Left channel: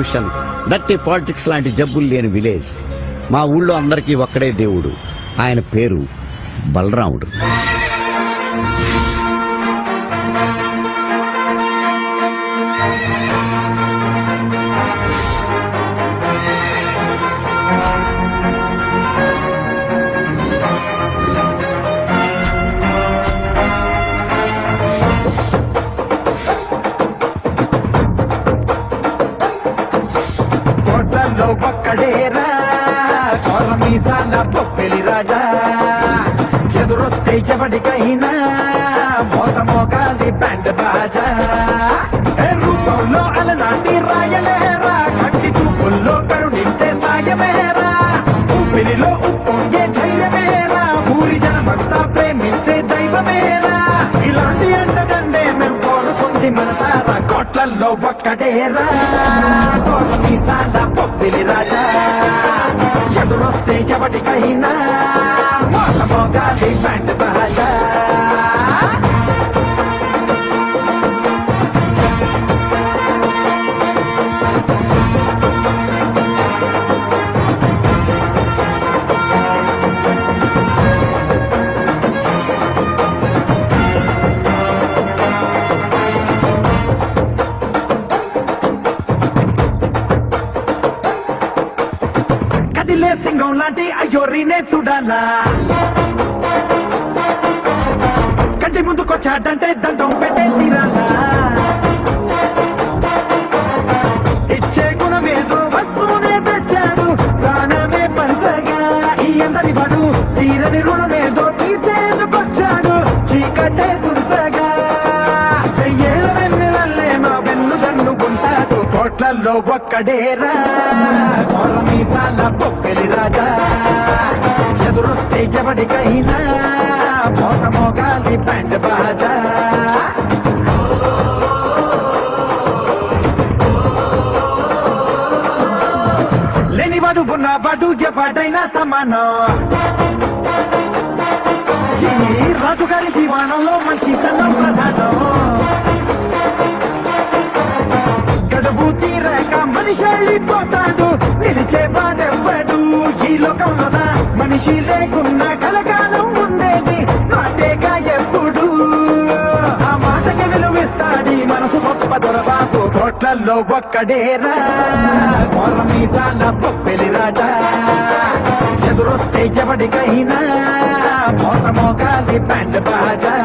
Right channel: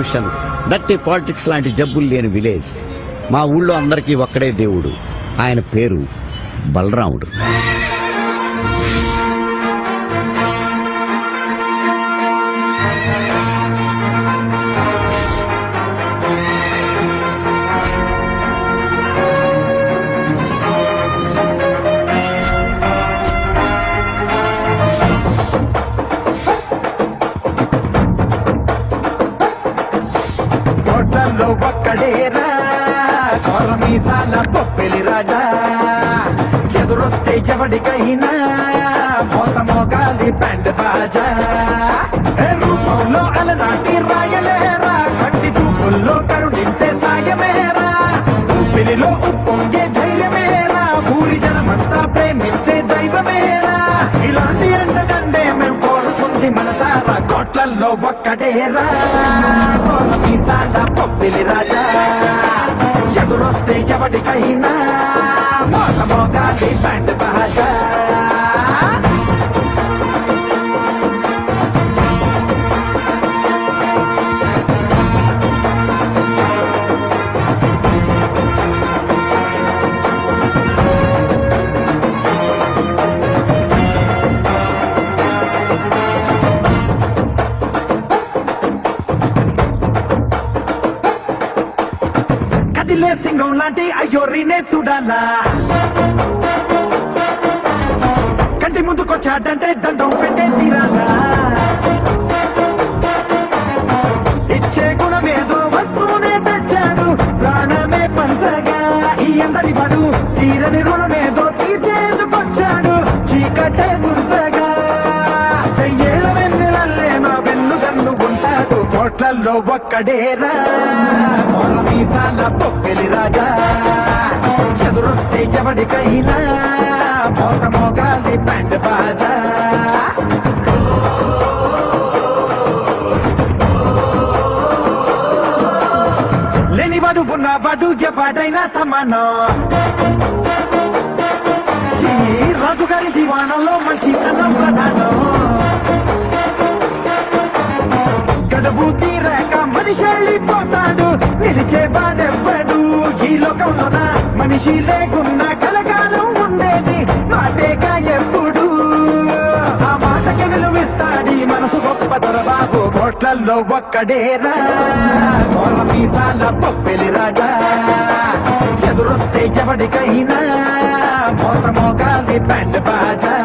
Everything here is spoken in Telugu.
ప్రాస్టిట్యూషన్, డర్టీ పాలిటిక్స్ లాంటి జబ్బులు లేని విలేజ్. మా ఊళ్ళో అందరికీ ఒక్కడే దేవుడు, ఆయన పేరు బలరాముడు. కోట్లలో ఒక్కడేరా కొరమీసాల బొప్పెలి రాజా, చెదురొస్తే ఎవడికైనా మోతమోగాలి బ్యాండ్ బాజా. రూపంలో అలనాటి రాయలేరా, కంటి చూపుల్లో కరుణించే సాయమేరా, ఊపిరిలో ఉప్పొంగే ధైర్యమేరా, ఊరి జనమంతా ప్రేమించే దైవమేరా. ఇలాంటి అంటదండే మేము కోరుకుంది మనసారా, కోట్లల్లో ఒక్కడేరా కొరమీసాల బొప్పెలి రాజా, ఎదురొస్తే ఎవడికైనా మోతమోగాలి బ్యాండ్ బాజా. కదిలే సింగం లాంటి అయ్యోరినే చూడాలా, కంటి ముందుకొచ్చాడంటే దండం పెట్టే తీరాలా. ఇచ్చే గుణమేదో వస్తువునే తెచ్చాడు, ప్రాణమే పంచగా ఈ అందరి వాడు, తీరని రుణమేదో తీర్చేందుకొచ్చాడు, చీకటే తుంచగా. వెయ్యేళ్ళ వెన్నెలల్లే మా వెన్నుదన్ను ఉంటాడు, కోట్లల్లో ఒక్కడేరా కొరమీసాల బొప్పెలి రాజా, చెదురొస్తే ఎవడికైనా మోతమోగాలి బ్యాండ్ బాజా. లేనివాడు ఉన్నవాడు ఎవడైనా సమానం, ఈ రాజుగారి జీవనంలో మంచితనం ప్రధానం. గడువు తీరాక మనిషి వెళ్ళిపోతాడు, నిలిచేవాడెవ్వడు ఈ లోకంలోన. మనిషి లేకున్నా కలకాలం ఉండేది మాటేగా ఎప్పుడు, ఆ మాటకి విలువిస్తాడి మనసు గొప్ప దొరబాబు, కోట్లల్లో ఒక్కడేరా కొరమీసాల బొప్పెలి రాజా, చెదురొస్తే ఎవడికైనా మోతమోగాలి బ్యాండ్ బాజా.